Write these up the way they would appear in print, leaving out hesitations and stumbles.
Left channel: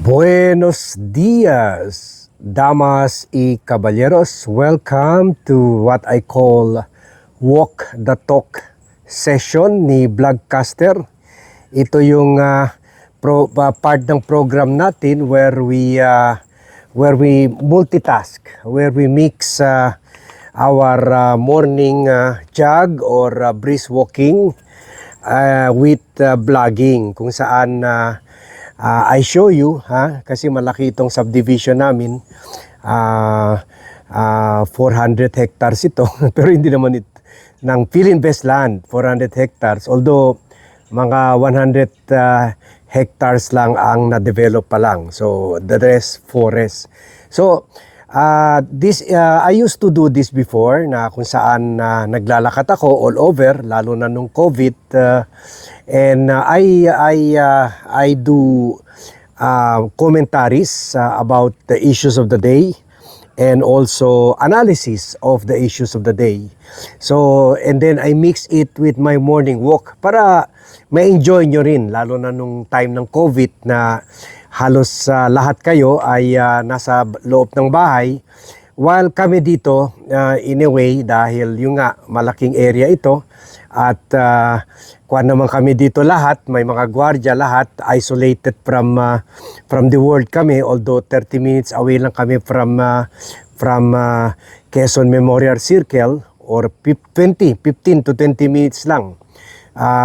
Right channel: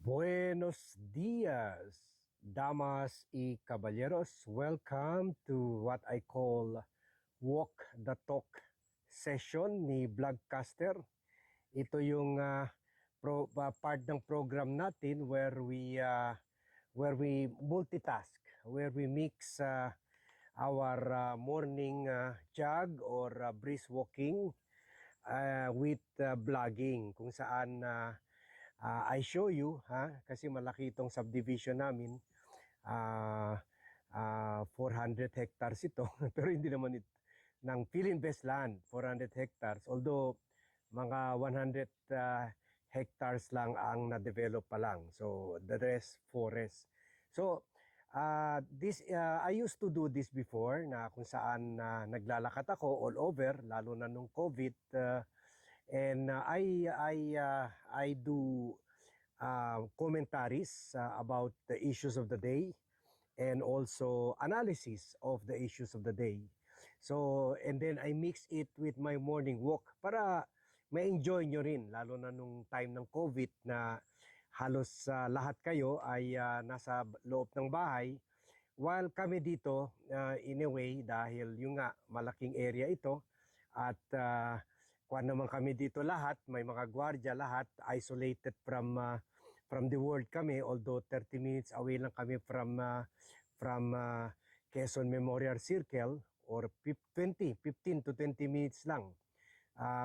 Buenos dias, damas y caballeros. Welcome to what I call Walk the Talk session ni Vlogcaster. Ito yung part ng program natin where we multitask, where we mix our morning jog or brisk walking with vlogging, kung saan I show you, kasi malaki itong subdivision namin. 400 hectares ito, pero hindi naman ng Philinvest land, 400 hectares. Although, mga 100 hectares lang ang na-develop pa lang. So, the rest, forest. So, I used to do this before, na kung saan naglalakad ako all over, lalo na nung COVID. And I do commentaries about the issues of the day and also analysis of the issues of the day. So, and then I mix it with my morning walk para ma-enjoy nyo rin, lalo na nung time ng COVID na halos lahat kayo ay nasa loob ng bahay. While kami dito, in a way, dahil yung nga malaking area ito at kuwan naman kami dito lahat, may mga gwardiya lahat, isolated from the world kami, although 30 minutes away lang kami from Quezon Memorial Circle, or 15 to 20 minutes lang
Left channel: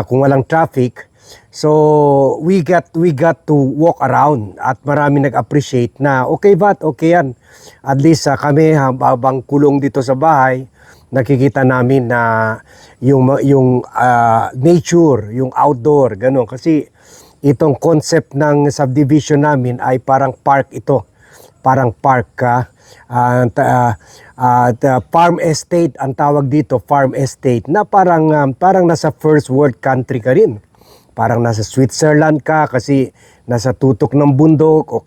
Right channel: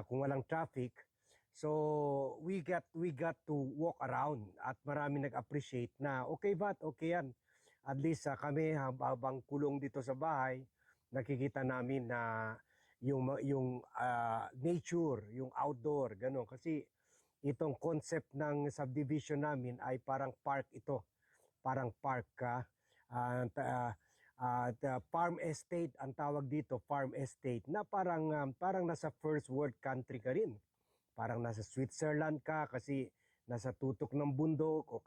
kung walang traffic. So we got to walk around at marami nag-appreciate na okay ba? Okay yan. At least kami habang kulong dito sa bahay, nakikita namin na yung nature, yung outdoor, gano'n. Kasi itong concept ng subdivision namin ay parang park ito. Parang park ka. Farm estate ang tawag dito, farm estate, na parang nasa first world country ka rin. Parang nasa Switzerland ka kasi nasa tutok ng bundok, o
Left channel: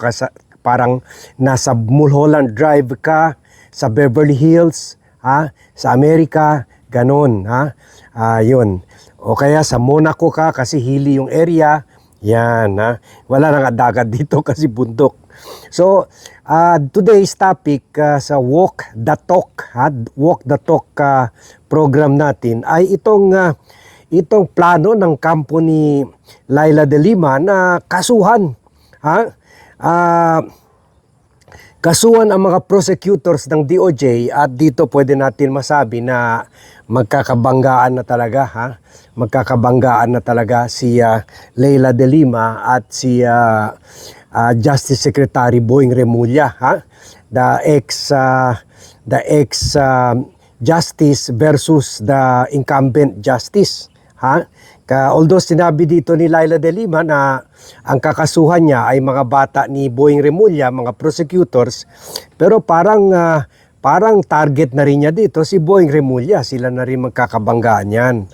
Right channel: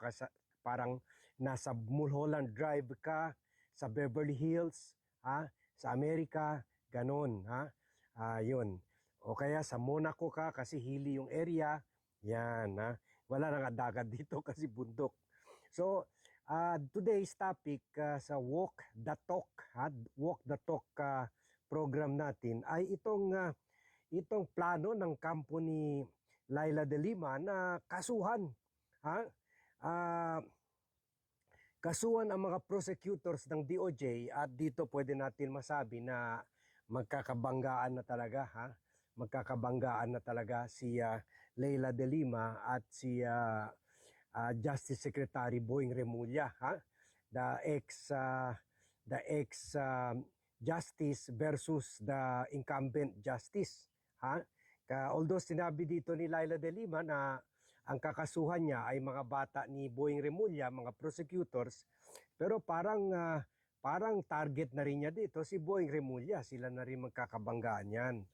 parang nasa Mulholland Drive ka, sa Beverly Hills, sa Amerika, ganon, yun. O kaya sa Monaco ka kasi hilly yung area, yan, wala nang dagat dito kasi bundok. So, today's topic sa Walk the Talk, Walk the Talk program natin ay itong plano ng kampo ni Leila de Lima na kasuhan. Kasuhan ang mga prosecutors ng DOJ, at dito pwede natin masabi na magkakabanggaan na talaga, magkakabanggaan na talaga si Leila de Lima at si Justice Secretary Boying Remulla, the ex justice versus the incumbent justice, Although sinabi dito ni Leila de Lima na ang kakasuhan niya ay mga bata ni Boying Remulla, mga prosecutors, pero parang target na rin niya dito si Boying Remulla. Sila na rin magkakabanggaan yan.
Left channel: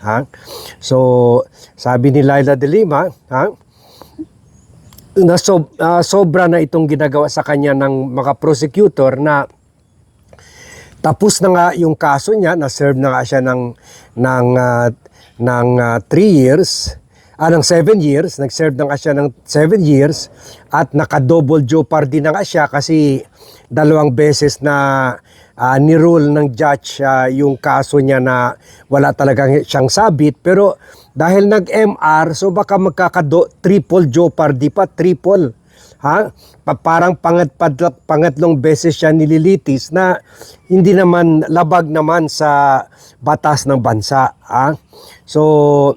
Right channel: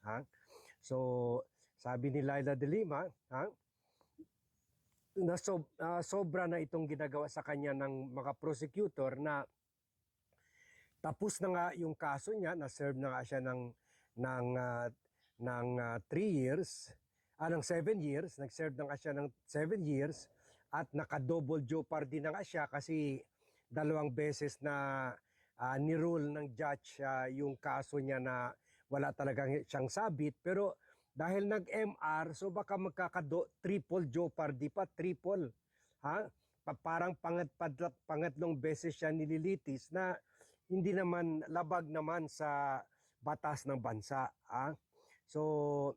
So, sabi ni Leila de Lima, na sobra na itong ginagawa sa kanya ng mga prosecutor, na tapos na nga yung kaso niya, na-serve na nga siya ng 3 years, ng 7 years, nag-serve na nga siya ng 7 years, at naka-double jeopardy na nga siya kasi 2 beses na ni-rule ng judge yung kaso niya na wala talagang siyang sabit. Pero dahil nag-MR, so baka triple jeopardy pa, triple. Parang pangatlong beses siya nililitis na hindi naman labag naman sa batas ng bansa. So,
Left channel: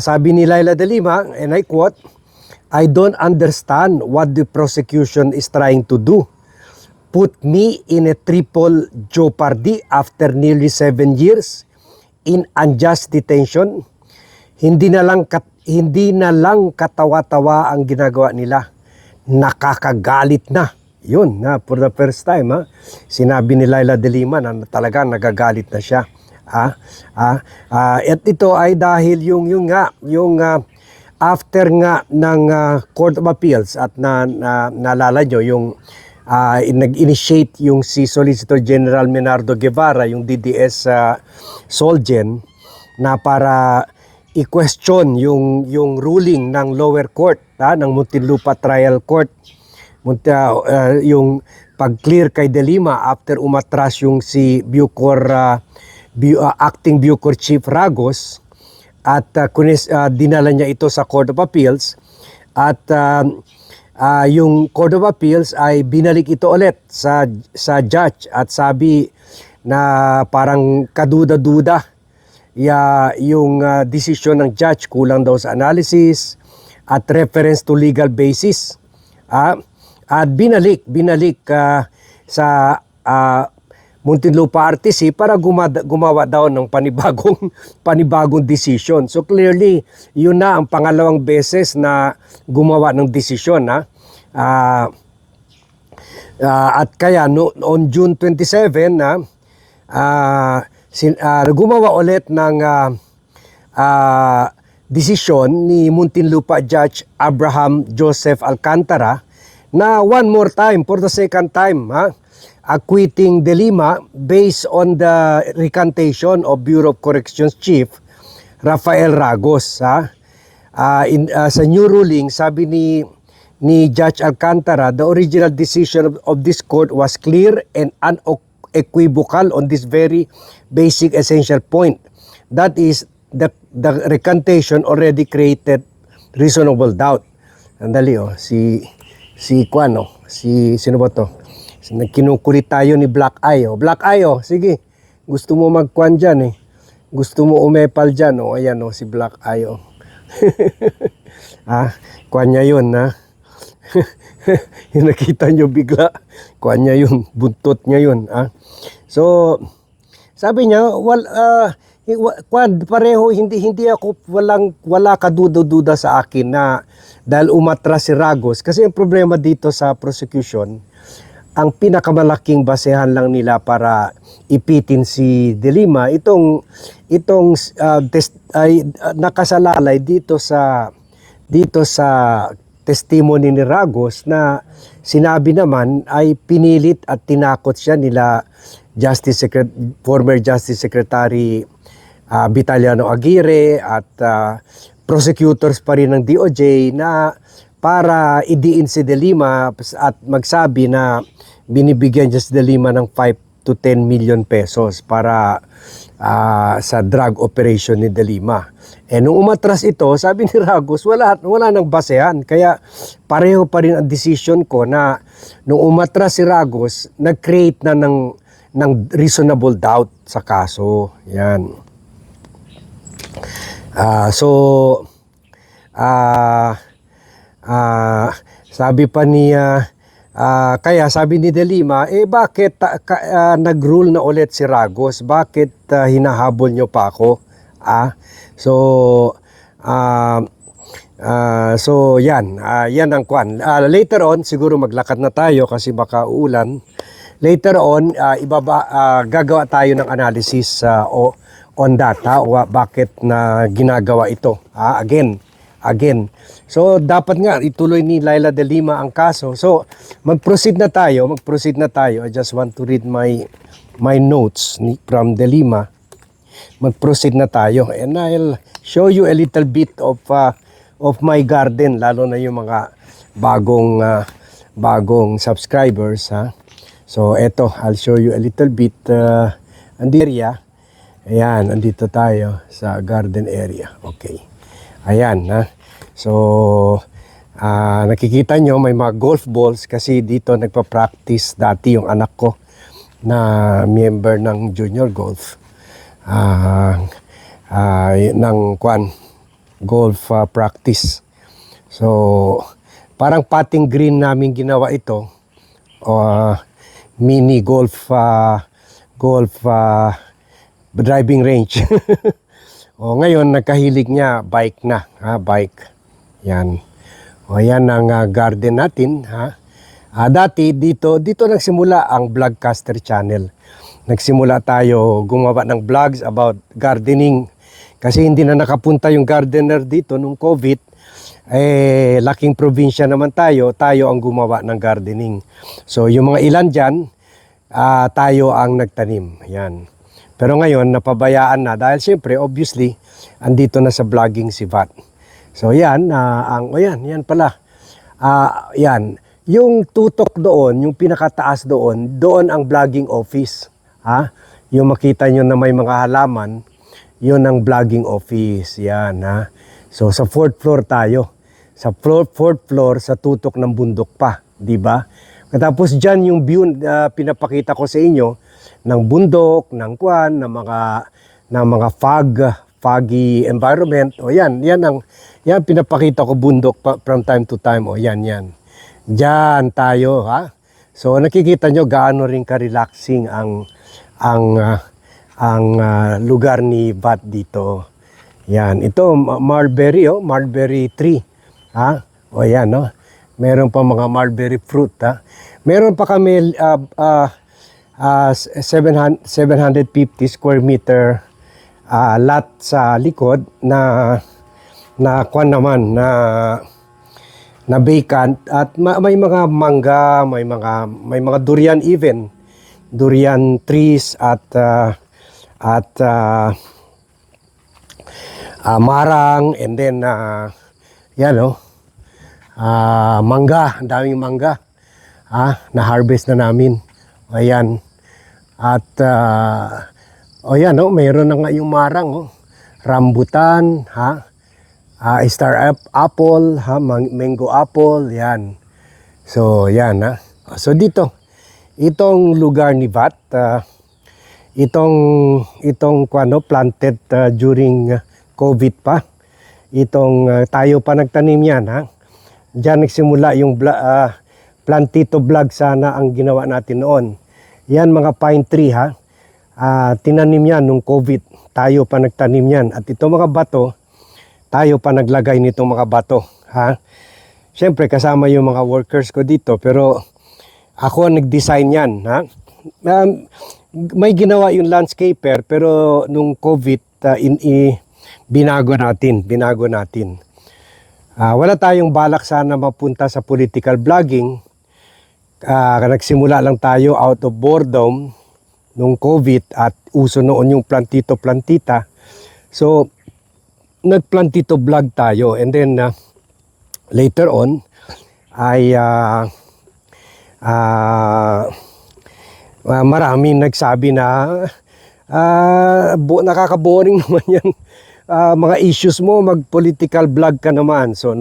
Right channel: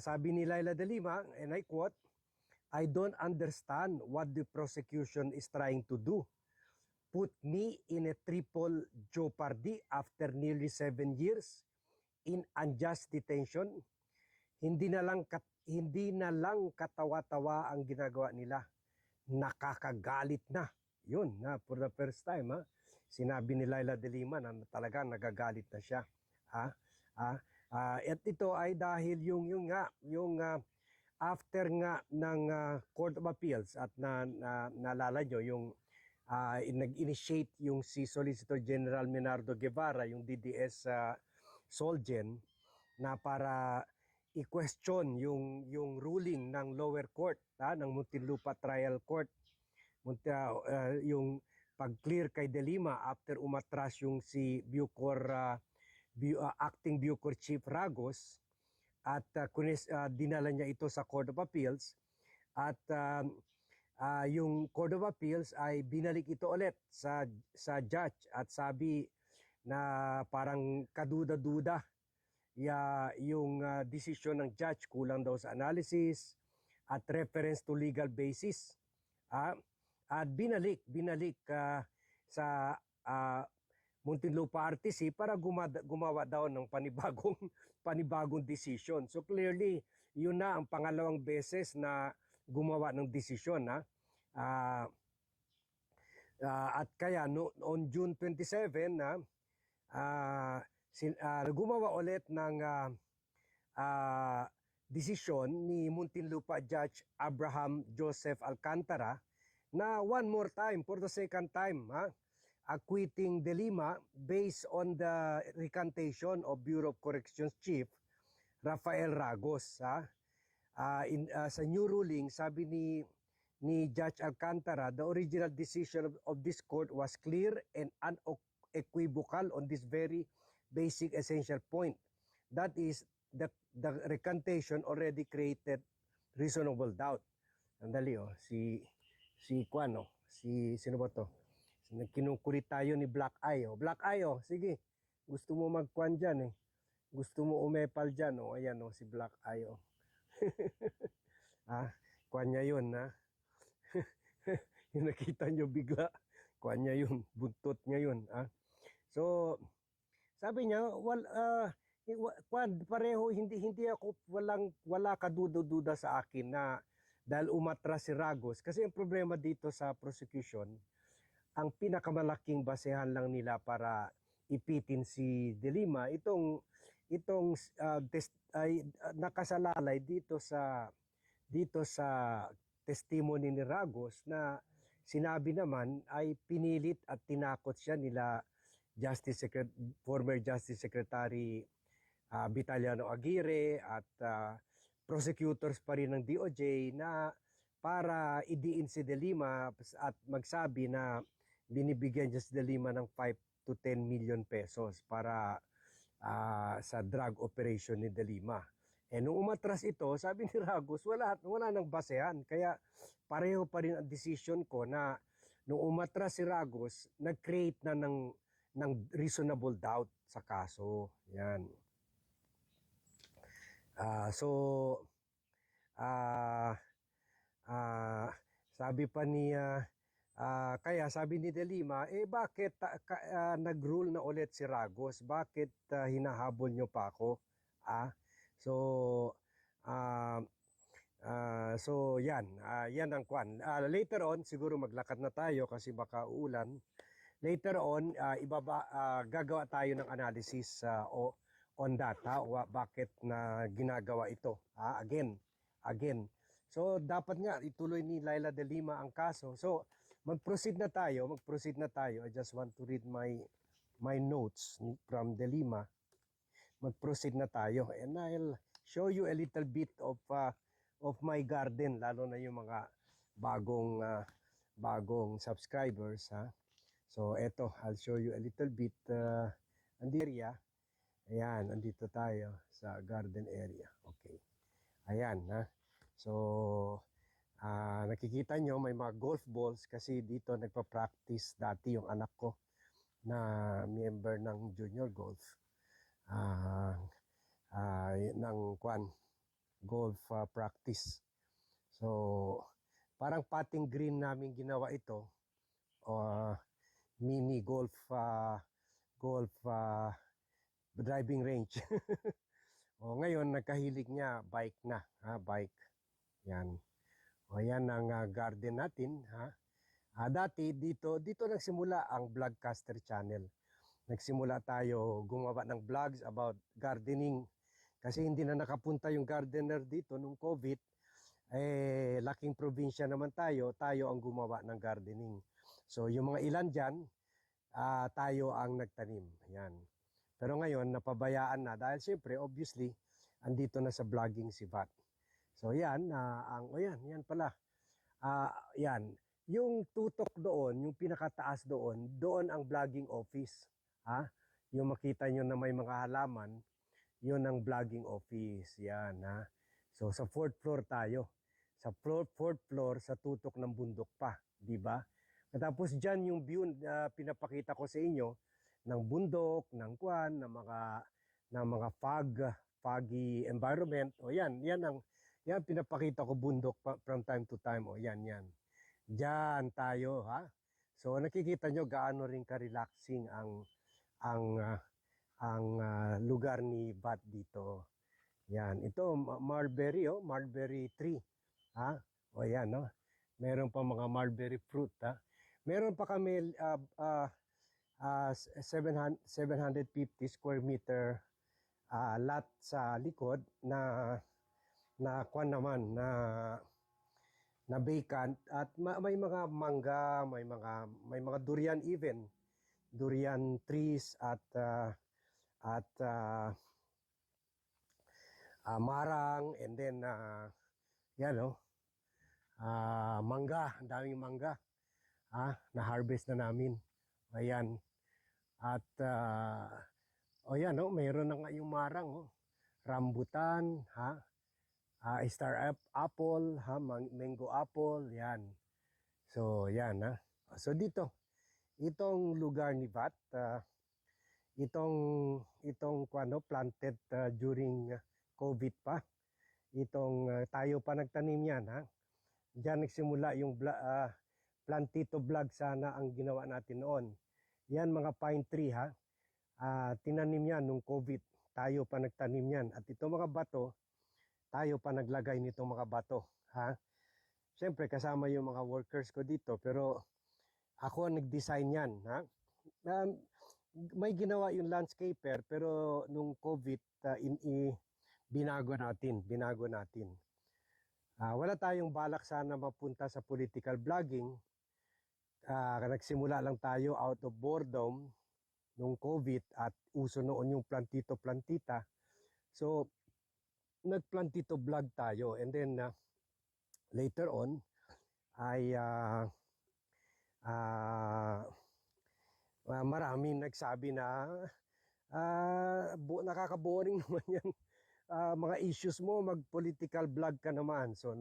sabi ni Leila de Lima, and I quote, "I don't understand what the prosecution is trying to do. Put me in a triple jeopardy after nearly 7 years in unjust detention. Hindi na lang katawa-tawa ang ginagawa nila. Nakakagalit na." Yun, for the first time, sinabi ni Leila de Lima na talaga nagagalit na siya. At ito ay dahil yung after nga ng Court of Appeals, at naalala nyo yung nag-initiate yung si Solicitor General Menardo Guevara, yung DDS Solgen, na para i-question yung ruling ng lower court, ng Muntinlupa Trial Court, yung pag-clear kay De Lima after umatras yung si acting Bucor Chief Ragos at dinala niya ito sa Court of Appeals at yung Court of Appeals ay binalik ito ulit sa judge at sabi na parang kaduda-duda yung desisyon ng judge, kulang daw sa analysis at reference to legal basis. At binalik sa Muntinlupa RTC para gumawa daw ng panibagong desisyon. So clearly, yun na ang pangalawang beses na gumawa ng desisyon. At kaya on June 27 gumawa ulit ng desisyon ni Muntinlupa Judge Abraham Joseph Alcantara na one more time, for the second time, acquitting De Lima based on the recantation of Bureau of Corrections Chief Rafael Ragos. Sa new ruling, sabi ni Judge Alcantara, the original decision of this court was clear and unequivocal on this very basic essential point. That is, the recantation already created reasonable doubt. Andali sino ba to? Kinukulit tayo ni Black Eye. Black Eye, sige. Gusto mo magkuan dyan eh. Gusto mo umepal dyan. Ayan si Black Eye. Kuan niya yun yung nakita nyo bigla. Kuan niya yun. Buntot niya yun. So, sabi niya, pareho, hindi ako, wala kaduda-duda sa akin na dahil umatras si Ragos. Kasi ang problema dito sa prosecution, ang pinakamalaking basehan lang nila para ipitin si De Lima, itong nakasalalay dito sa testimony ni Ragos na sinabi naman ay pinilit at tinakot siya nila former Justice Secretary Vitaliano Aguirre at prosecutors pa rin ng DOJ na para idiin si De Lima at magsabi na binibigyan niya si De Lima ng 5 to 10 million pesos para sa drug operation ni De Lima. Nung umatras ito, sabi ni Ragos, wala nang basehan. Kaya pareho pa rin ang decision ko na nung umatras si Ragos, nag-create na ng reasonable doubt sa kaso. Yan. Sabi pa niya, kaya sabi ni De Lima, bakit nag-rule na ulit si Ragos? Bakit hinahabol nyo pa ako? So yan ang kwan. Later on, siguro maglakad na tayo kasi baka uulan. Later on, gagawa tayo ng analysis on data o bakit na ginagawa ito. Again. So dapat nga ituloy ni Leila De Lima ang kaso. So mag-proceed na tayo. I just want to read my notes from De Lima. Mag-proceed na tayo and I'll show you a little bit of my garden, lalo na yung mga bagong subscribers. So eto, I'll show you a little bit area. Ayan, andito tayo sa garden area. Okay. Ayan, So, nakikita nyo may mga golf balls kasi dito nagpa-practice dati yung anak ko na member ng junior golf. Ng golf practice. So, parang putting green namin ginawa ito. Mini golf driving range. Ngayon nagkahilig niya bike na, bike. Yan. Yan ang garden natin, dati dito nagsimula ang Vlogcaster channel. Nagsimula tayo gumawa ng vlogs about gardening kasi hindi na nakapunta yung gardener dito nung COVID. Laking probinsya naman tayo ang gumawa ng gardening. So yung mga ilan dyan, tayo ang nagtanim. Yan. Pero ngayon napabayaan na dahil siyempre obviously andito na sa vlogging si Vat. So yan, yan pala. Yan. Yung tutok doon, yung pinakataas doon, doon ang vlogging office. Ha? Yung makita nyo na may mga halaman, yun ang vlogging office. Yan, ha? So sa fourth floor tayo. Sa fourth floor, sa tutok ng bundok pa. Di ba? Tapos dyan yung view pinapakita ko sa inyo ng bundok, ng kwan, ng mga foggy environment. O yan pinapakita ko bundok from time to time. O yan. Diyan tayo, ha. So nakikita nyo gaano rin ka-relaxing ang lugar ni Bat dito. Yan, ito mulberry tree, ha. O yan, no. Meron pa mga mulberry fruit, ha. Meron pa kami 750 square meter lot sa likod na kwan naman na vacant at may mga mangga, may mga durian even. Durian trees at marang, and then mangga, ang daming mangga. Na-harvest na namin. Ayan. At mayroon na nga yung marang, rambutan, star apple, mango apple, yan. So, yan, ha. So, dito, itong lugar ni Bat, itong planted during COVID pa. Tayo pa nagtanim yan, ha. Diyan nagsimula yung plantito vlog sana ang ginawa natin noon. Yan mga pine tree, ha. Tinanim yan nung COVID. Tayo pa nagtanim yan. At itong mga bato, tayo pa naglagay nitong mga bato, ha. Siyempre kasama yung mga workers ko dito, pero ako ang nag-design yan, ha. May ginawa yung landscaper, pero nung COVID binago natin. Wala tayong balak sana mapunta sa political vlogging. Nagsimula lang tayo out of boredom nung COVID at uso noon yung plantito-plantita. So, nagplantito vlog tayo, and then later on ay maraming nagsabi na nakaka-boring naman yan. Mga issues mo, mag-political vlog ka naman. So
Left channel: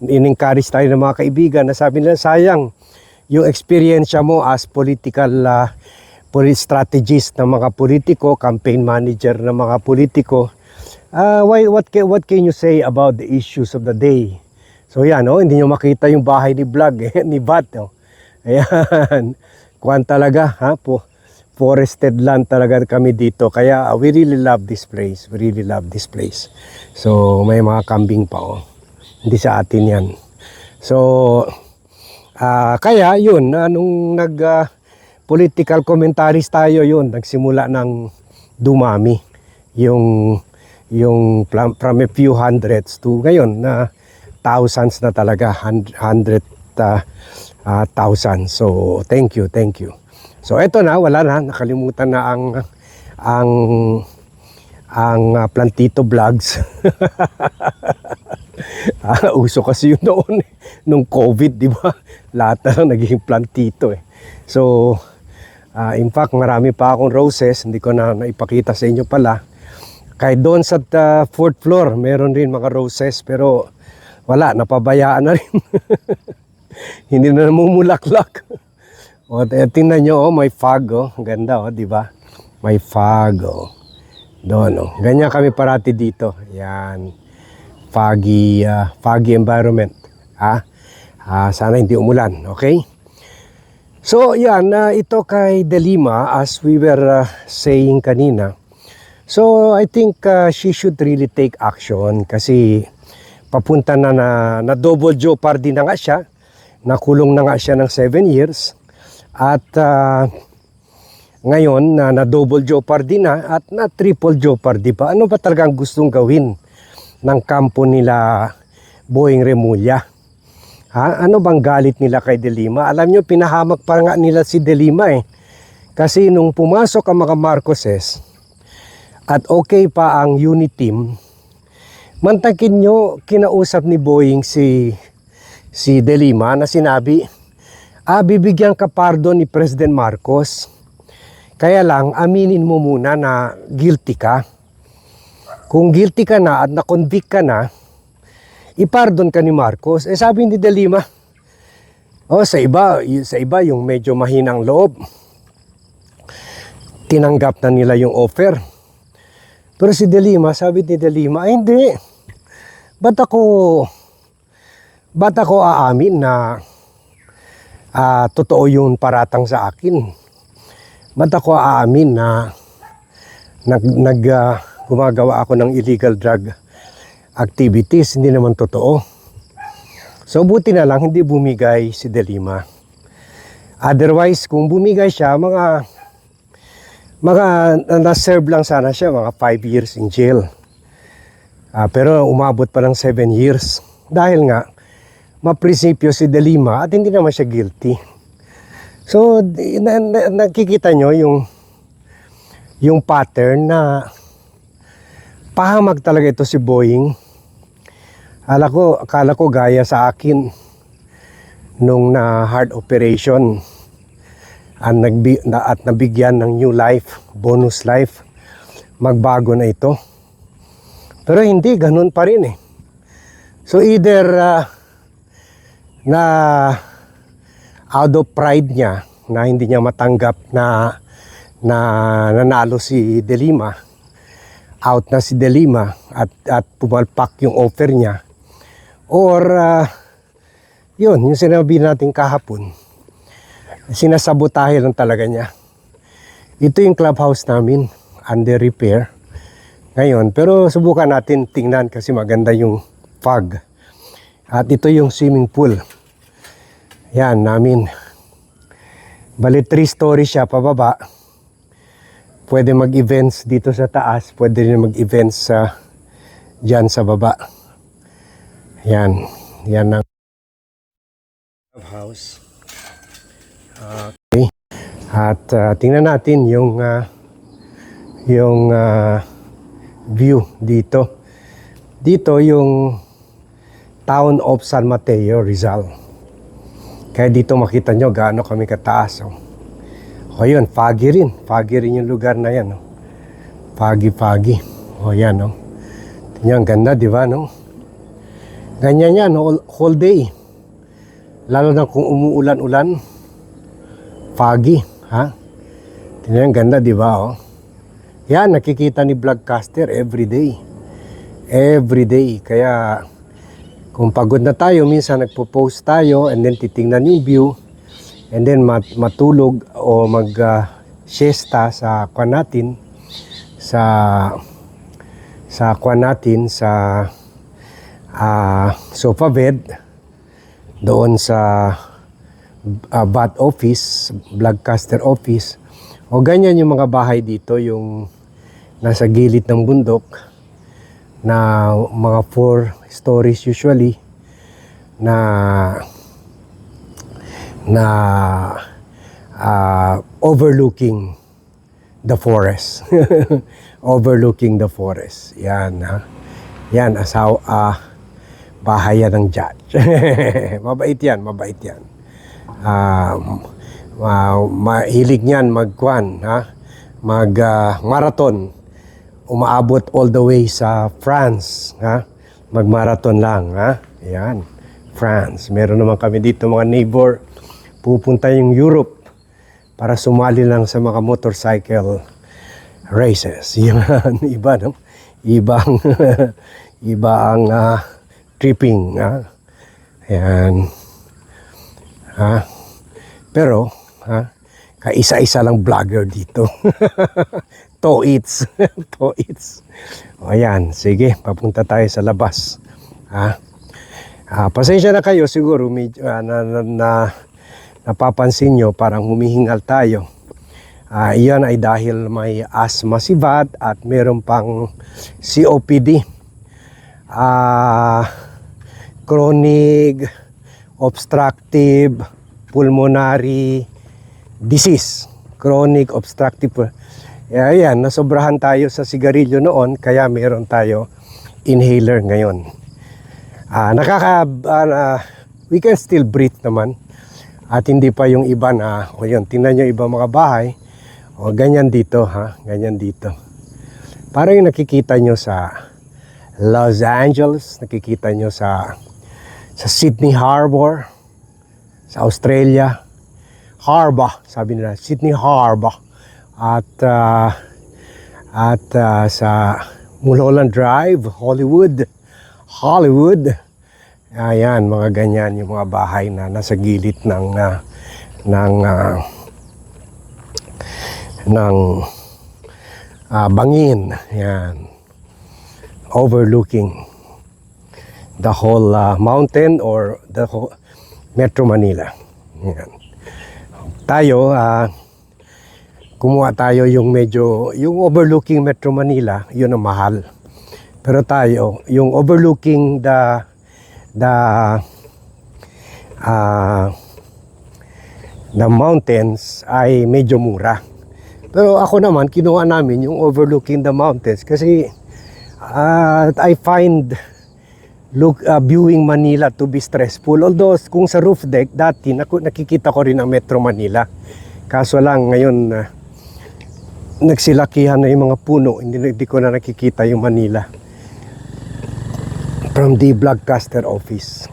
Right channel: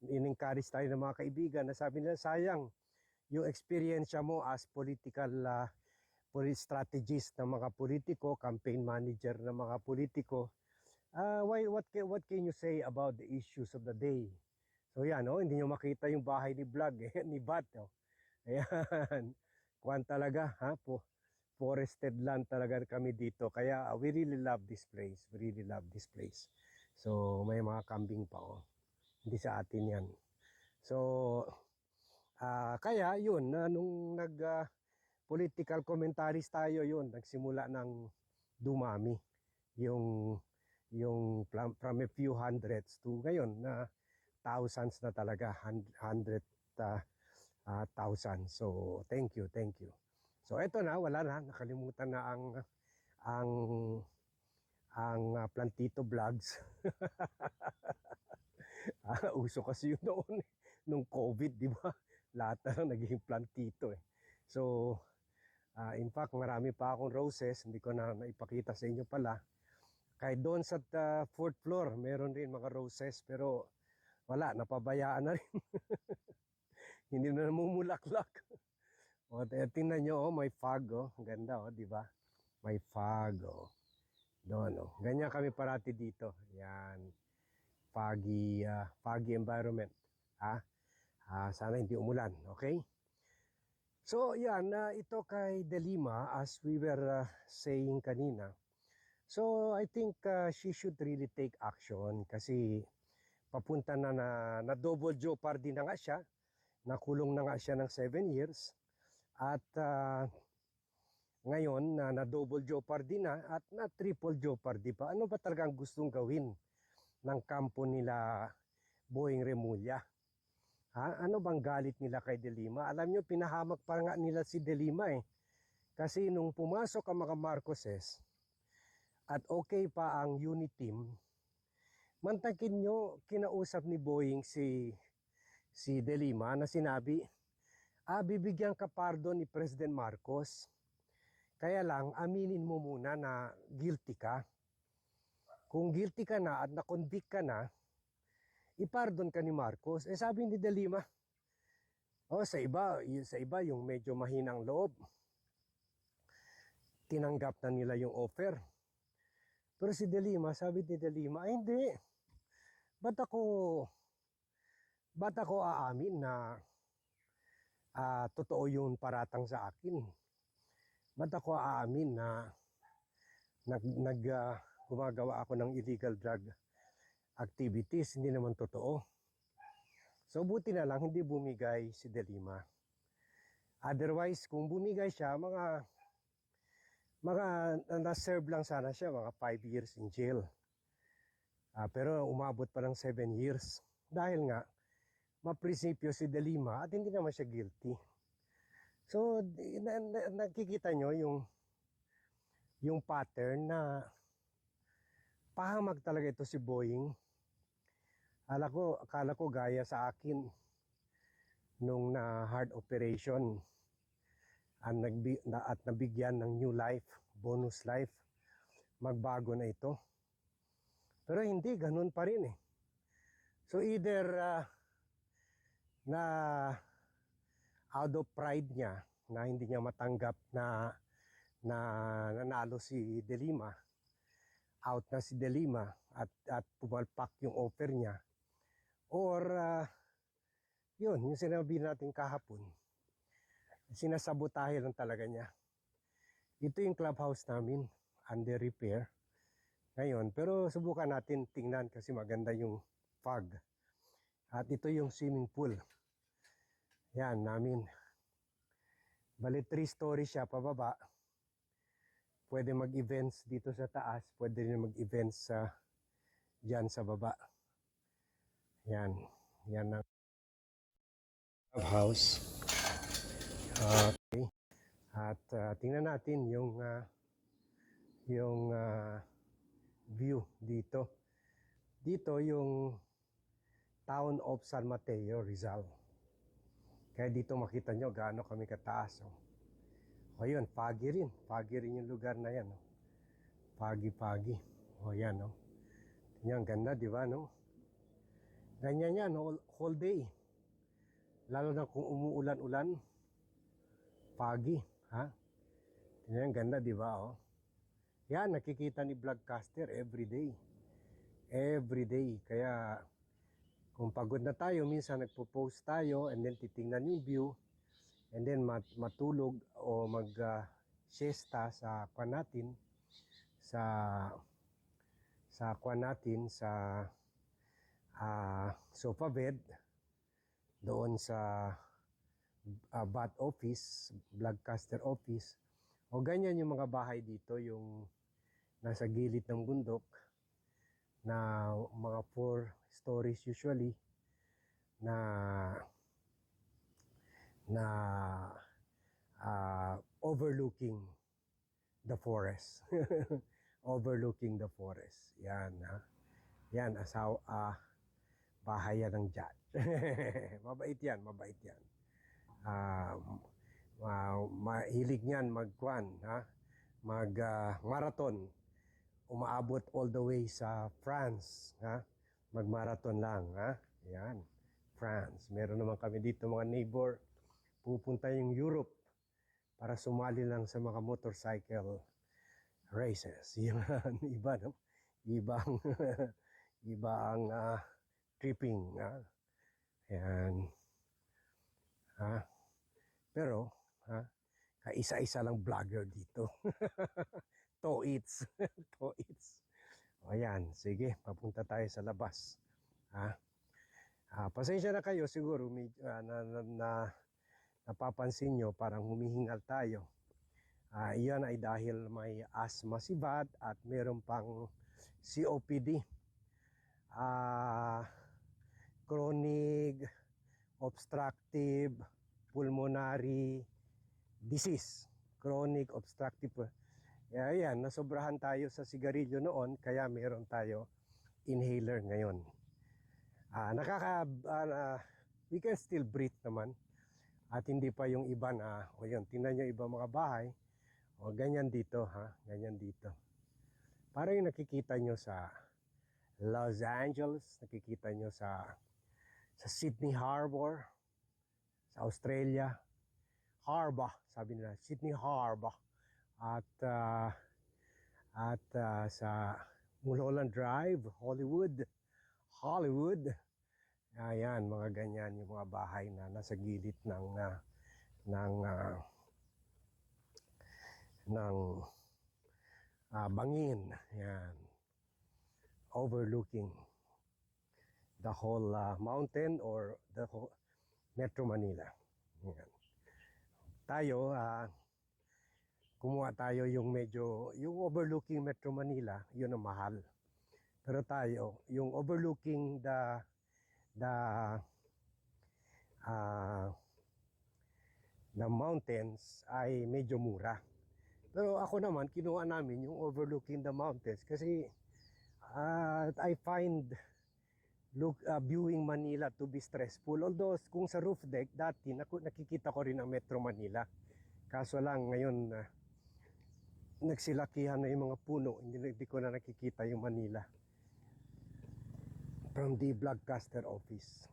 in-encourage tayo ng mga kaibigan na sabi nila, sayang yung experience mo as political strategist ng mga politiko, campaign manager ng mga politiko. What can you say about the issues of the day? So yan, hindi nyo makita yung bahay ni vlog, ni Bat. Ayan, kuwan talaga, forested land talaga kami dito. Kaya we really love this place. So may mga kambing pa, hindi sa atin yan. So kaya yun, nung political commentaries tayo, yun nagsimula ng dumami yung from a few hundreds to ngayon na thousands na talaga, 100,000. So thank you. So eto na, wala na, nakalimutan na ang plantito vlogs. Uso kasi yun noon nung COVID, di ba? Lahat na lang naging plantito eh. So in fact, marami pa akong roses, hindi ko na naipakita sa inyo pala. Kahit doon sa fourth floor, meron rin mga roses, pero wala, napabayaan na rin. Hindi na namumulaklak. Tingnan nyo, may fog, ang ganda, di ba? May fog, doon, ganyan kami parati dito. Yan, foggy environment. Sana hindi umulan, okay? So, yan, ito kay Delima, as we were saying kanina. So, I think she should really take action kasi papunta na double jeopardy na nga siya. Nakulong na nga siya ng 7 years. At ngayon, na double jeopardy na at na triple jeopardy pa. Ano ba talagang gustong gawin ng kampo nila Boying Remulla? Ano bang galit nila kay Delima? Alam nyo, pinahamak pa nga nila si Delima eh. Kasi nung pumasok ang mga Marcoses at okay pa ang unit team, mantakin nyo, kinausap ni Boying si si De Lima na sinabi, bibigyan ka pardon ni President Marcos. Kaya lang, aminin mo muna na guilty ka. Kung guilty ka na at na-convict ka na, ipardon ka ni Marcos. Sabi ni De Lima, sa iba yung medyo mahinang loob, tinanggap na nila yung offer. Pero si De Lima, sabi ni De Lima, hindi. Ba't ako aamin na totoo yung paratang sa akin? Ba't ako aamin na gumagawa ako ng illegal drug activities? Hindi naman totoo. So buti na lang hindi bumigay si De Lima. Otherwise, kung bumigay siya, mga na-serve lang sana siya, mga 5 years in jail. Pero umabot pa ng 7 years. Dahil nga, maprinsipyo si De Lima at hindi naman siya guilty. So, nakikita nyo yung pattern na pahamag talaga ito si Boying. Akala ko gaya sa akin nung na heart operation at nabigyan ng new life, bonus life, magbago na ito. Pero hindi, ganun pa rin eh. So either na out of pride niya na hindi niya matanggap na nanalo si De Lima, out na si De Lima at pumalpak yung offer niya, or yung sinabi natin kahapon, sinasabotahe lang talaga niya. Ito yung clubhouse namin, under repair ngayon, pero subukan natin tingnan kasi maganda yung fog. At ito yung swimming pool. Yan, namin. Bali 3 stories siya pababa. Pwede mag-events dito sa taas. Pwede rin mag-events dyan sa baba. Yan. Yan ang house. Okay. At tingnan natin yung view dito. Dito yung town of San Mateo, Rizal. Kaya dito makita nyo gaano kami kataas. O yun, foggy rin. Foggy rin yung lugar na yan. Foggy. O yan. Tingnan, ganda, di ba? No? Ganyan yan, whole day. Lalo na kung umuulan-ulan. Foggy. Ha? Tingnan, ganda, di ba? Yan, nakikita ni Vlogcaster every day. Every day. Kaya kung pagod na tayo, minsan nagpo-post tayo and then titingnan yung view and then matulog o mag-siesta sa kwan natin sa sofa bed doon sa bat office, Vlogcaster office. O ganyan yung mga bahay dito, yung nasa gilid ng bundok na mga 4 stories usually na overlooking the forest. Overlooking the forest. Yan, ha. Yan, bahay yan ng judge. Mabait yan. Mahilig niyan magkwan, ha? Marathon. Umaabot all the way sa France, ha? Mag-marathon lang, ha? Ayan, France. Meron naman kami dito mga neighbor, pupunta yung Europe para sumali lang sa mga motorcycle races. Yan, iba, no? Iba ang tripping, ha? Ayan. Ha? Pero, ha? Kaisa-isa lang vlogger dito. To-eats. O ayan, sige, papunta tayo sa labas. Pasensya na kayo, siguro napapansin nyo, parang humihingal tayo. Iyan ay dahil may asthma si Vad at meron pang COPD. Chronic obstructive pulmonary disease. Chronic obstructive. Ayan, nasobrahan tayo sa sigarilyo noon, kaya meron tayo inhaler ngayon. we can still breathe naman. At hindi pa yung iba na, o yun, tingnan nyo ibang mga bahay, o ganyan dito ha, ganyan dito. Parang yung nakikita nyo sa Los Angeles, nakikita nyo sa Sydney Harbor, sa Australia, Harbor, sabi nila, Sydney Harbor. At sa Mulholland Drive, Hollywood. Ayan, mga ganyan yung mga bahay na nasa gilid ng bangin. Yan. Overlooking the whole mountain or the whole Metro Manila. Yan. Tayo, kumuha tayo yung yung overlooking Metro Manila, yun ang mahal. Pero tayo, yung overlooking the mountains ay medyo mura. Pero ako naman, kinuha namin yung overlooking the mountains kasi I find viewing Manila to be stressful. Although kung sa roof deck, dati nakikita ko rin ang Metro Manila. Kaso lang ngayon, nagsilakihan na yung mga puno, hindi ko na nakikita yung Manila from the broadcaster office.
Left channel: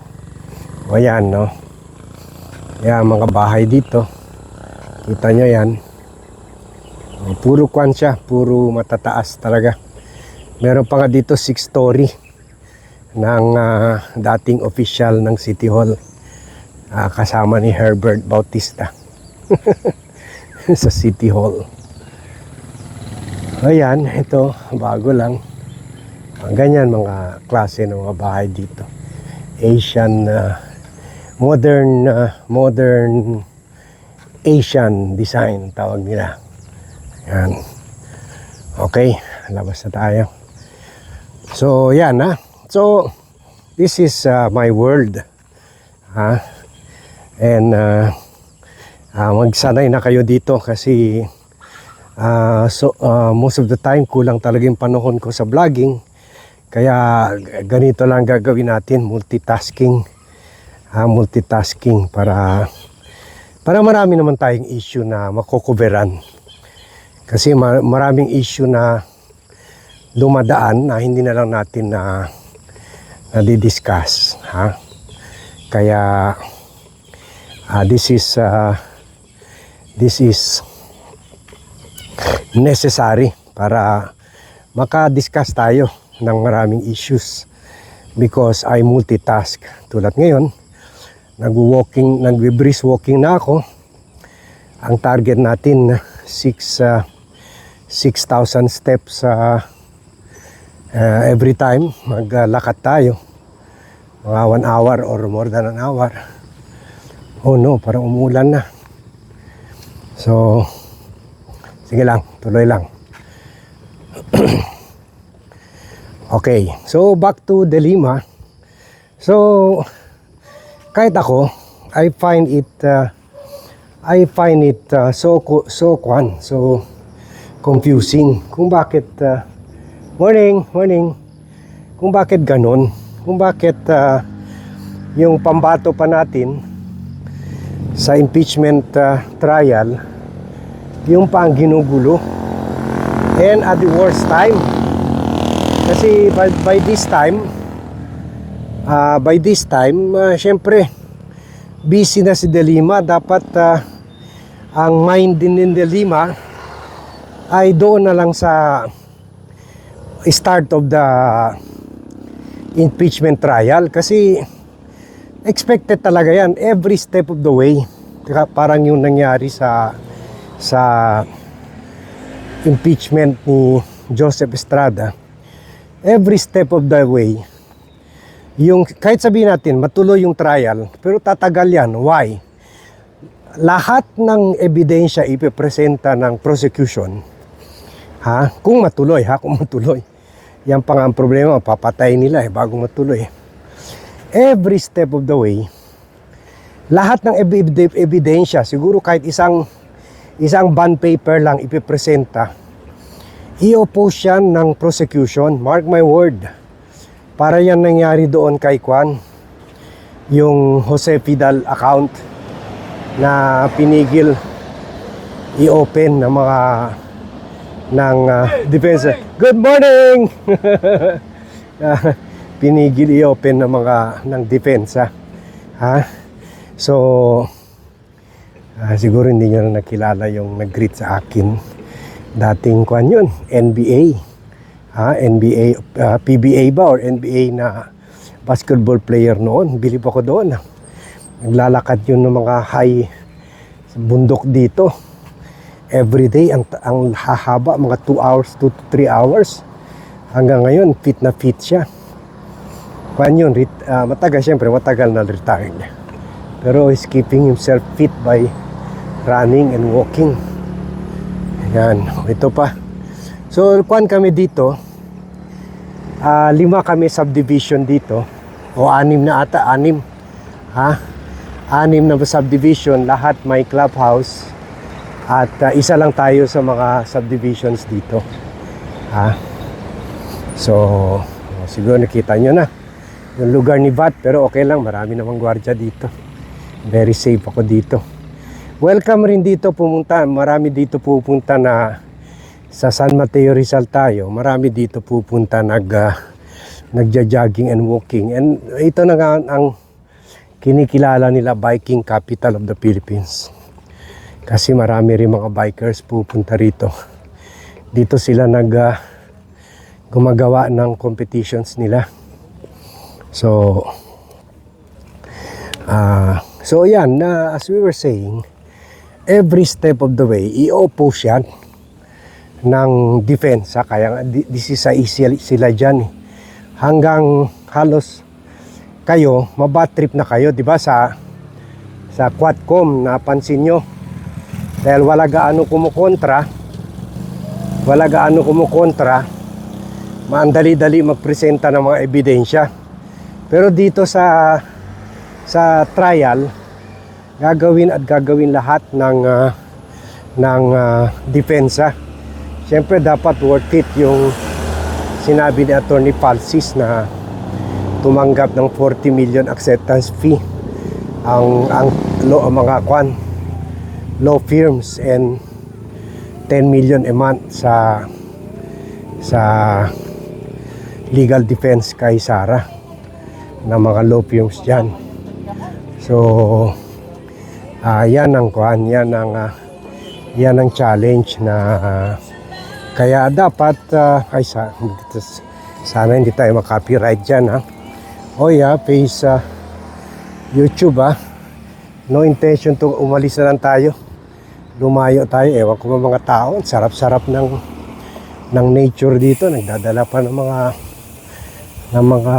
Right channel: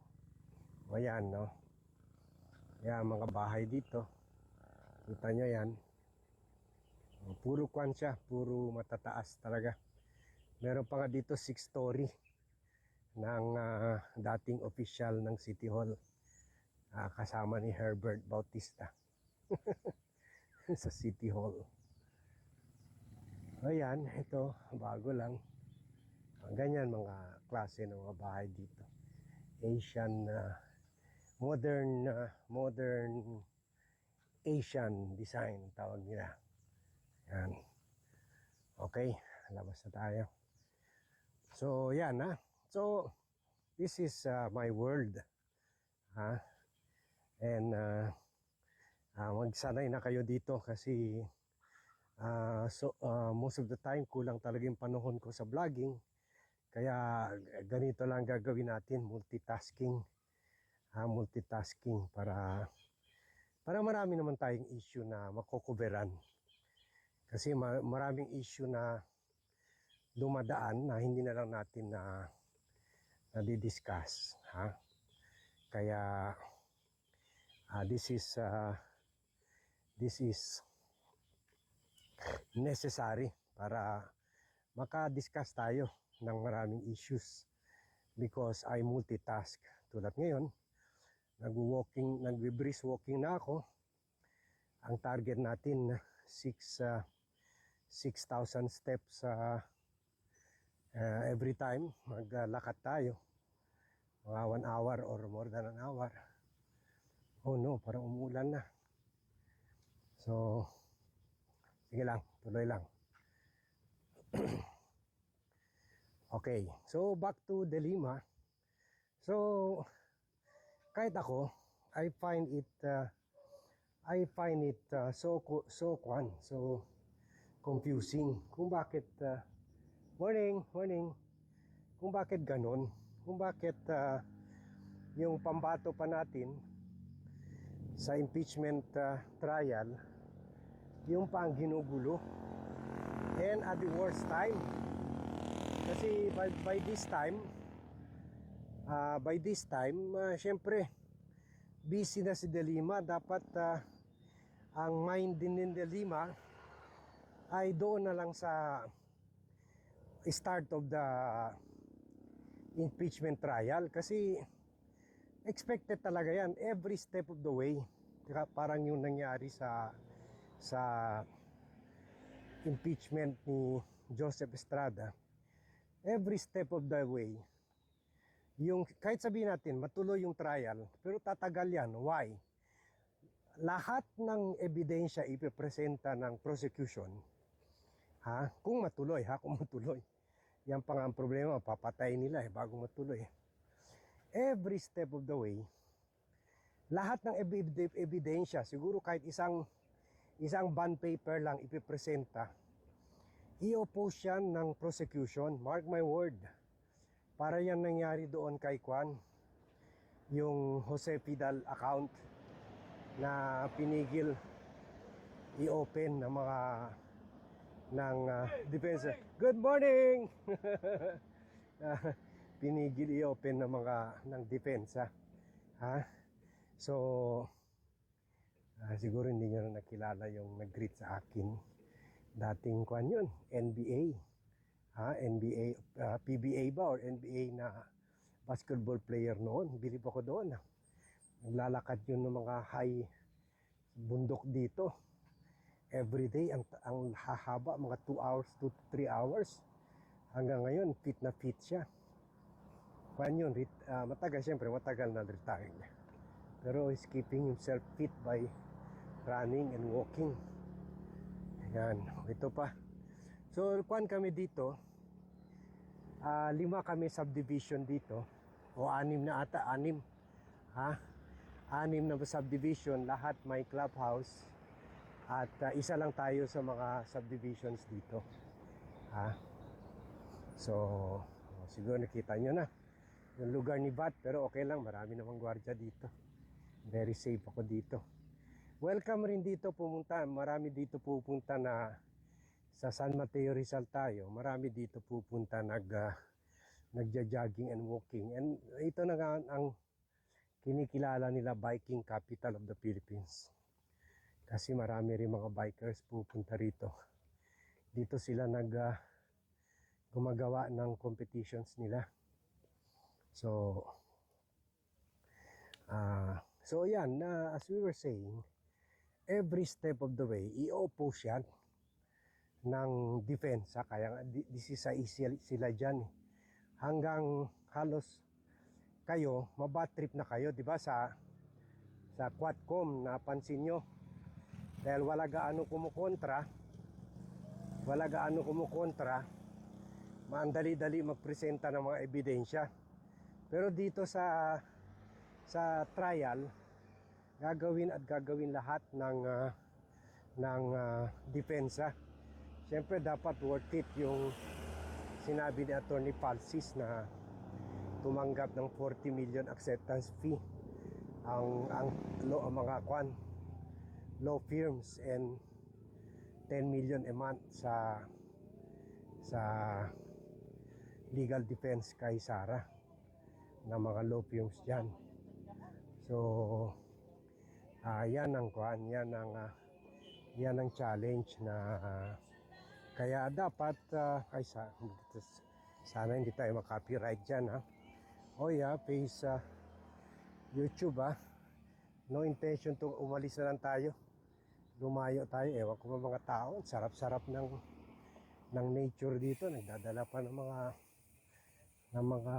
O yan, no? Yan, mga bahay dito. Kita nyo yan. Puro kwan siya, puro matataas talaga. Meron pa nga dito 6-story ng dating official ng City Hall. Kasama ni Herbert Bautista sa City Hall. Ayan, ito, bago lang. Ganyan mga klase ng mga bahay dito. Asian, modern Asian design tawag nila. Yan. Okay, labas na tayo. So, yan ha. So, this is my world. Ha? And magsanay na kayo dito kasi most of the time kulang talaga yung panahon ko sa vlogging. Kaya ganito lang gagawin natin, multitasking para marami naman tayong issue na makokoveran. Kasi maraming issue na dumadaan na hindi na lang natin na di-discuss, ha? Kaya this is necessary para maka-discuss tayo ng maraming issues because I multitask. Tulad ngayon, nag-brisk walking na ako. Ang target natin 6,000 steps every time maglakad tayo. Mga 1 hour or more than an hour. Oh no, parang umulan na. So, sige lang, tuloy lang. Okay, so back to Delima. So, kahit ako, I find it so confusing kung bakit morning. Kung bakit ganun, kung bakit yung pambato pa natin sa impeachment trial, yung pa ang ginugulo. And at the worst time, kasi by this time, syempre, busy na si Delima. Dapat ang mind din ni Delima ay doon na lang sa start of the impeachment trial. Kasi expected talaga yan, every step of the way. Parang yung nangyari sa impeachment ni Joseph Estrada. Every step of the way, yung kahit sabihin natin matuloy yung trial, pero tatagal yan. Why? Lahat ng ebidensya ipipresenta ng prosecution, kung matuloy, yan pa nga ang problema, papatay nila bago matuloy. Every step of the way, lahat ng ebidensya, siguro kahit isang bond paper lang ipipresenta, i-oppose yan ng prosecution. Mark my word. Para yan nangyari doon kay yung Jose Fidal account na pinigil i-open ng mga defense. Good morning. Pinigil i-open ng mga ng depensa. Ha? So siguro hindi nyo na nakilala yung nag-greet sa akin. Dating kwan yun, NBA. NBA, PBA ba or NBA na basketball player noon. Bilib ako doon. Naglalakad yun ng mga high bundok dito. Every day, ang hahaba, mga 2 hours, 2 to 3 hours. Hanggang ngayon, fit na fit siya. Kwan yun, matagal na retired. Pero he's keeping himself fit by running and walking. Ayan, ito pa. So, kwan kami dito. 5 kami subdivision dito. O 6 na ata, 6. 6 na subdivision, lahat may clubhouse. At isa lang tayo sa mga subdivisions dito. So, siguro nakita nyo na yung lugar ni VAT, pero okay lang, marami namang gwardiya dito. Very safe ako dito. Welcome rin dito pumunta. Marami dito pupunta na sa San Mateo Rizal tayo. Marami dito pupunta nagja-jogging and walking. And ito na nga ang kinikilala nila biking capital of the Philippines. Kasi marami rin mga bikers pupunta rito. Dito sila gumagawa ng competitions nila. So yan, as we were saying, every step of the way, i-oppose yan ng defense. Kaya this is sila dyan. Hanggang halos kayo, mabat trip na kayo, di ba, sa Quadcom, napansin nyo. Dahil wala gaano kumukontra, maandali-dali magpresenta ng mga ebidensya. Pero dito sa trial, gagawin lahat ng depensa. Siyempre dapat worth it yung sinabi ni Attorney Falsis na tumanggap ng 40 million acceptance fee ang mga law firms and 10 million a month sa legal defense kay Sara na mga law firms dyan. So yan ang challenge na kaya dapat sana hindi tayo makapiright dyan. Face YouTube. No intention to umalis na lang tayo, lumayo tayo. Ewan ko mga tao, sarap-sarap ng nature dito. Nagdadala pa ng mga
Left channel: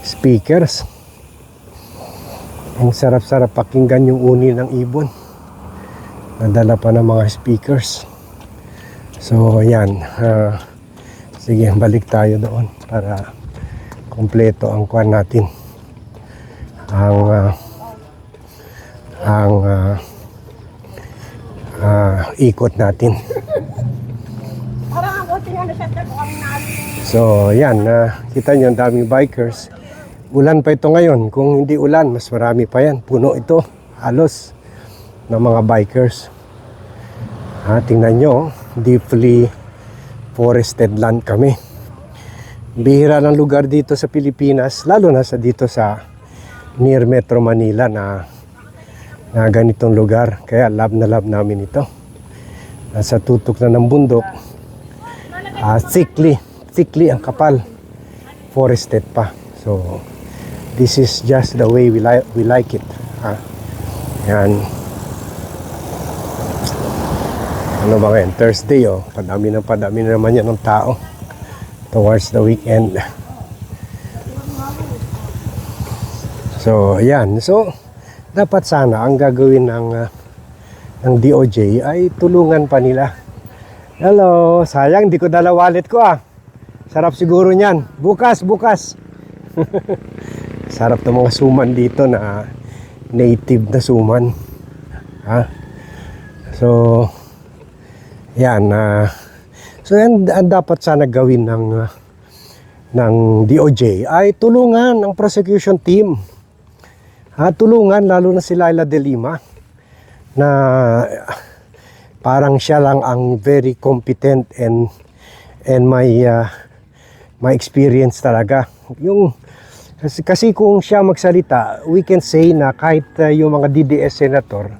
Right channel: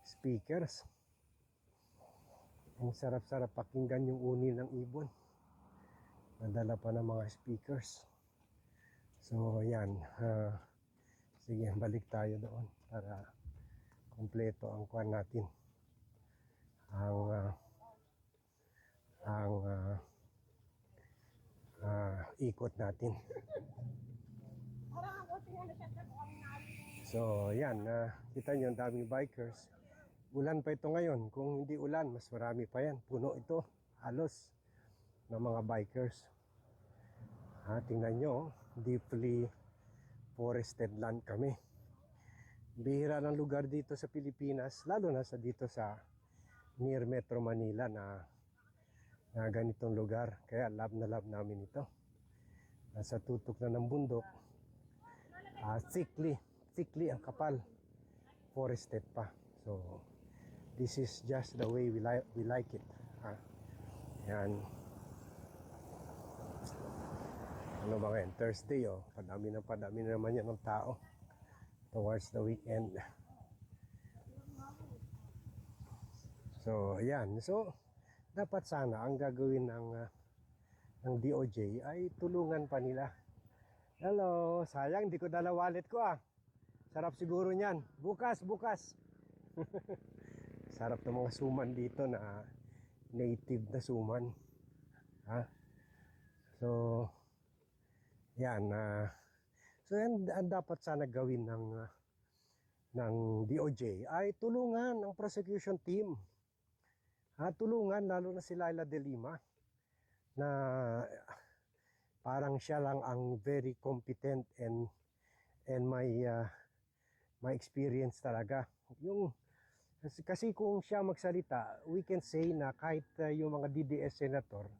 speakers. Ang sarap-sarap pakinggan yung uni ng ibon. Nadala pa ng mga speakers. So yan, sige, balik tayo doon para kompleto ang kwan natin, ang ikot natin. So yan, kita nyo ang daming bikers. Ulan pa ito ngayon. Kung hindi ulan, mas marami pa yan. Puno ito, halos, ng mga bikers. Tingnan nyo, deeply forested land kami. Bihira ng lugar dito sa Pilipinas, lalo na dito sa near Metro Manila na ganitong lugar. Kaya love na love namin ito. Nasa tutok na ng bundok. Thickly ang kapal. Forested pa. So this is just the way we like it. Yan. Ano ba ngayon? Thursday, padami na naman yan ng tao towards the weekend. So yan. So dapat sana ang gagawin ng DOJ ay tulungan pa nila. Hello, sayang di ko dala wallet ko. Sarap siguro niyan. Bukas. Sarap ng mga suman dito na native na suman. So yan, so yan ang dapat sana gawin ng DOJ ay tulungan ang prosecution team. Tulungan lalo na si Leila De Lima na parang siya lang ang very competent and may experience talaga. Kasi kung siya magsalita, we can say na kahit yung mga DDS senator,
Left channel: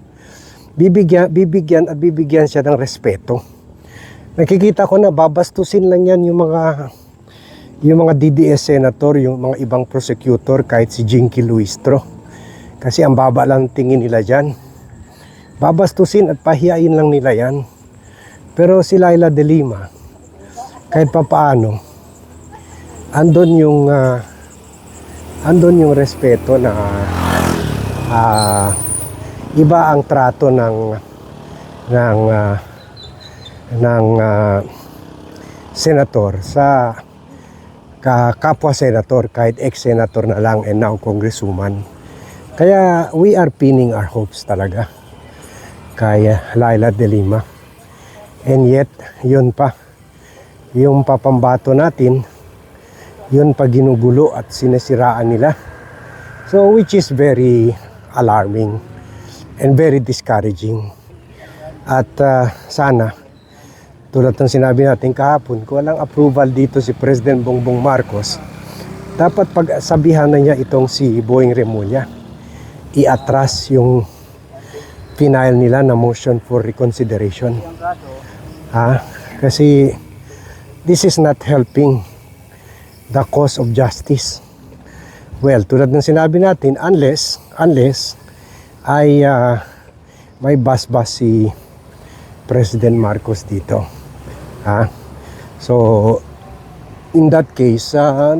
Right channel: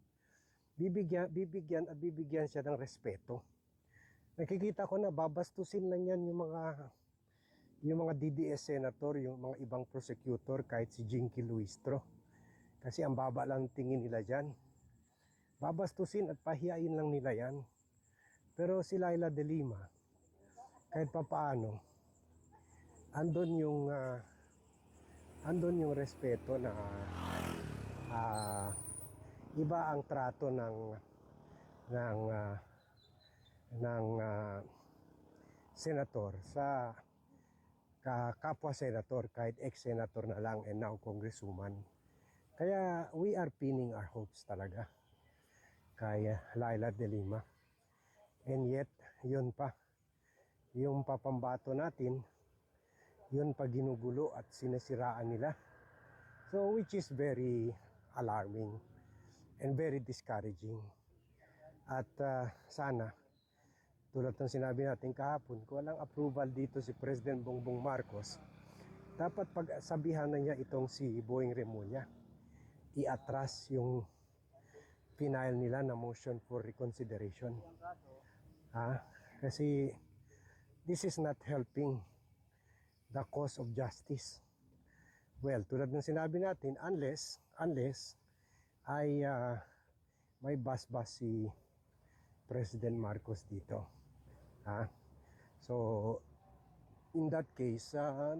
bibigyan siya ng respeto. Nakikita ko na babastusin lang yan yung mga DDS senator, yung mga ibang prosecutor, kahit si Jinky Luistro. Kasi ang baba lang tingin nila dyan. Babastusin at pahiyain lang nila yan. Pero si Leila De Lima, kahit papaano, andon yung respeto na iba ang trato ng senator sa kapwa senator, kahit ex-senator na lang and now congresswoman. Kaya we are pinning our hopes talaga kay Leila De Lima. And yet, yun pa, yung papambato natin, yun pa ginugulo at sinesiraan nila. So which is very alarming and very discouraging. At sana, tulad ng sinabi natin kahapon, kung walang approval dito si President Bongbong Marcos, dapat pagsabihan na niya itong si Boying Remulla, i-atras yung final nila na motion for reconsideration. Kasi this is not helping the cause of justice. Well, tulad ng sinabi natin, unless ay may basbas si President Marcos dito. So, in that case,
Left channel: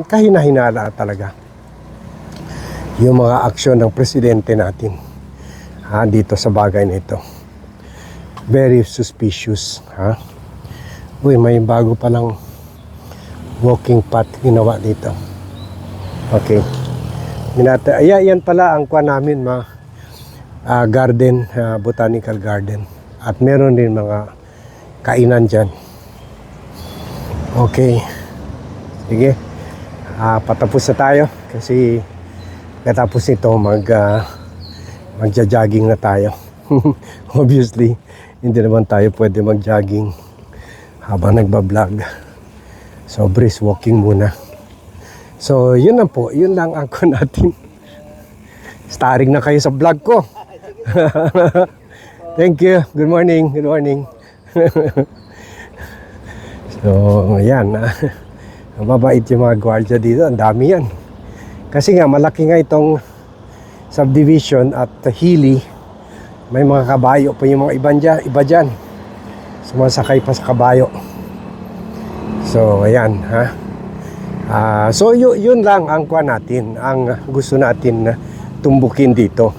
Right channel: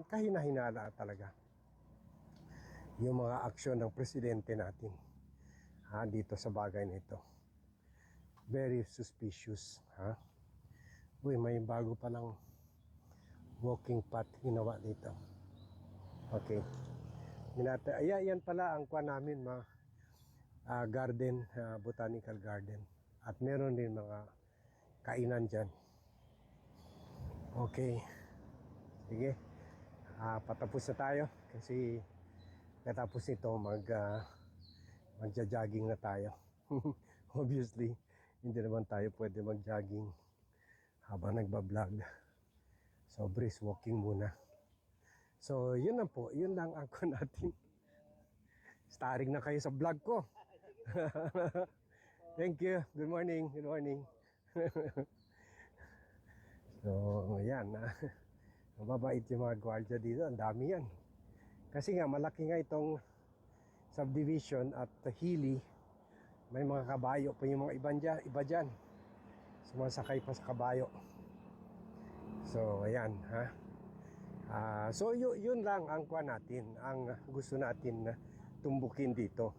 kahina-hinala talaga yung mga aksyon ng presidente natin dito sa bagay na ito. Very suspicious. Uy, may bago palang walking path ginawa dito. Okay. Yan pala ang kuha namin, garden, botanical garden. At meron din mga kainan dyan. Okay. Sige. Patapos na tayo kasi katapos nito magja-jogging na tayo. Obviously, hindi naman tayo pwede mag-jogging habang nagba-vlog. So, brisk walking muna. So, yun lang po. Yun lang ang ko natin. Starring na kayo sa vlog ko. Thank you. Good morning. Good morning. So, ayan. Mabait yung mga gwardiya dito. Ang dami yan. Kasi nga, malaki nga itong subdivision at hilly. May mga kabayo pa yung mga iba dyan. Sumasakay pa sa kabayo. So, ayan. So, yun lang ang kuha natin. Ang gusto natin na tumbukin dito.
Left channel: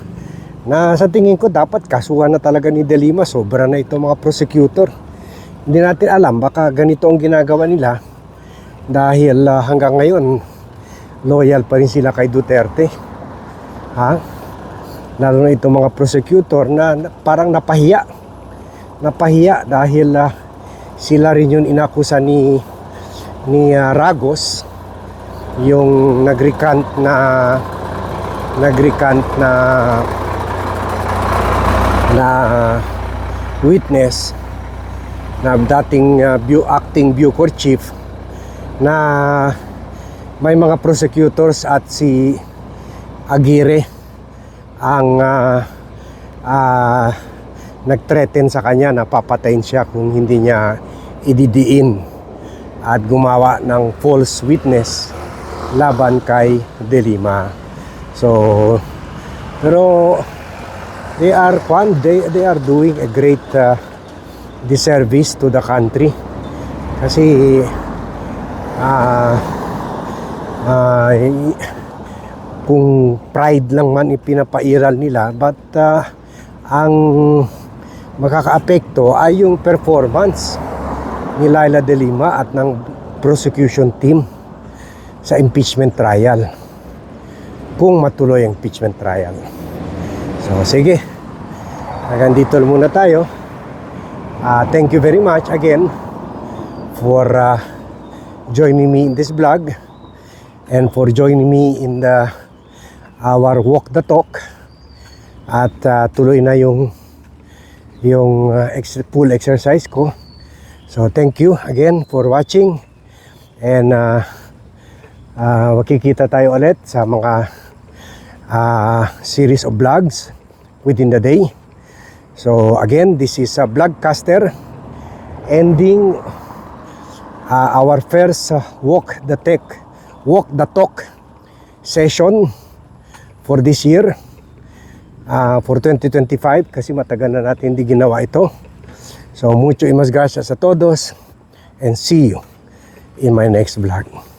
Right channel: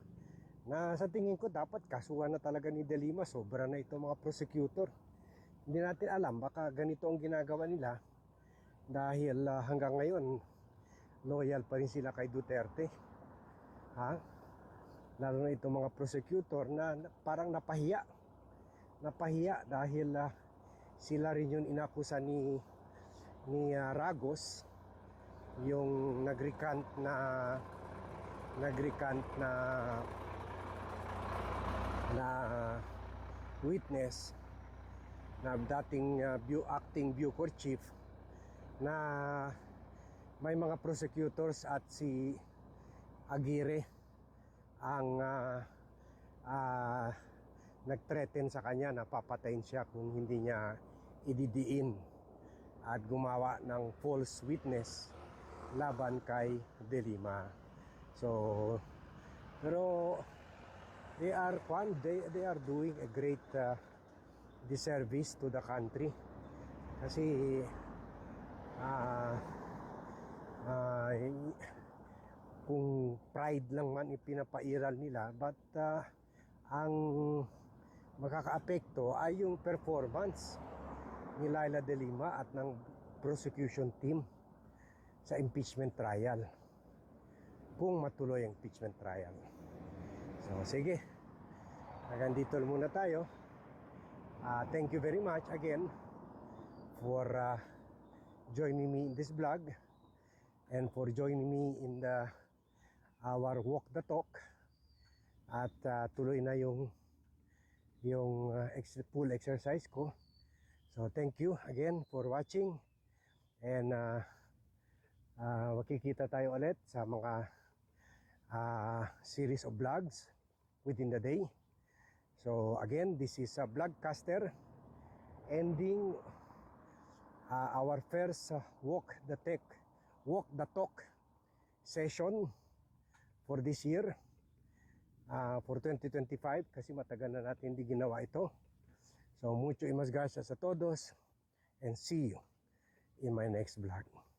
Na sa tingin ko, dapat kasuhan na talaga ni De Lima. Sobra na itong mga prosecutor. Hindi natin alam, baka ganito ang ginagawa nila dahil hanggang ngayon loyal pa rin sila kay Duterte. Lalo na itong mga prosecutor na parang napahiya dahil sila rin yung inakusa ni Ragos, yung nag-recant na witness na dating acting Bucor chief, na may mga prosecutors at si Aguirre ang nag-threaten sa kanya na papatayin siya kung hindi niya ididiin at gumawa ng false witness laban kay De Lima. So, pero they are doing a great disservice to the country. Kasi kung pride lang man ipinapairal nila, but ang makakaapekto ay yung performance ni Leila De Lima at ng prosecution team sa impeachment trial, kung matuloy ang impeachment trial. So sige, hanggang dito muna tayo. Thank you very much again for joining me in this vlog. and for joining me in our walk the talk. At tuloy na yung pool exercise ko. So thank you again for watching, and makikita tayo ulit sa mga series of vlogs within the day. So again, this is a vlogcaster ending our first walk the talk session for this year, for 2025, kasi matagal na natin hindi ginawa ito. So mucho gracias a todos, and see you in my next vlog.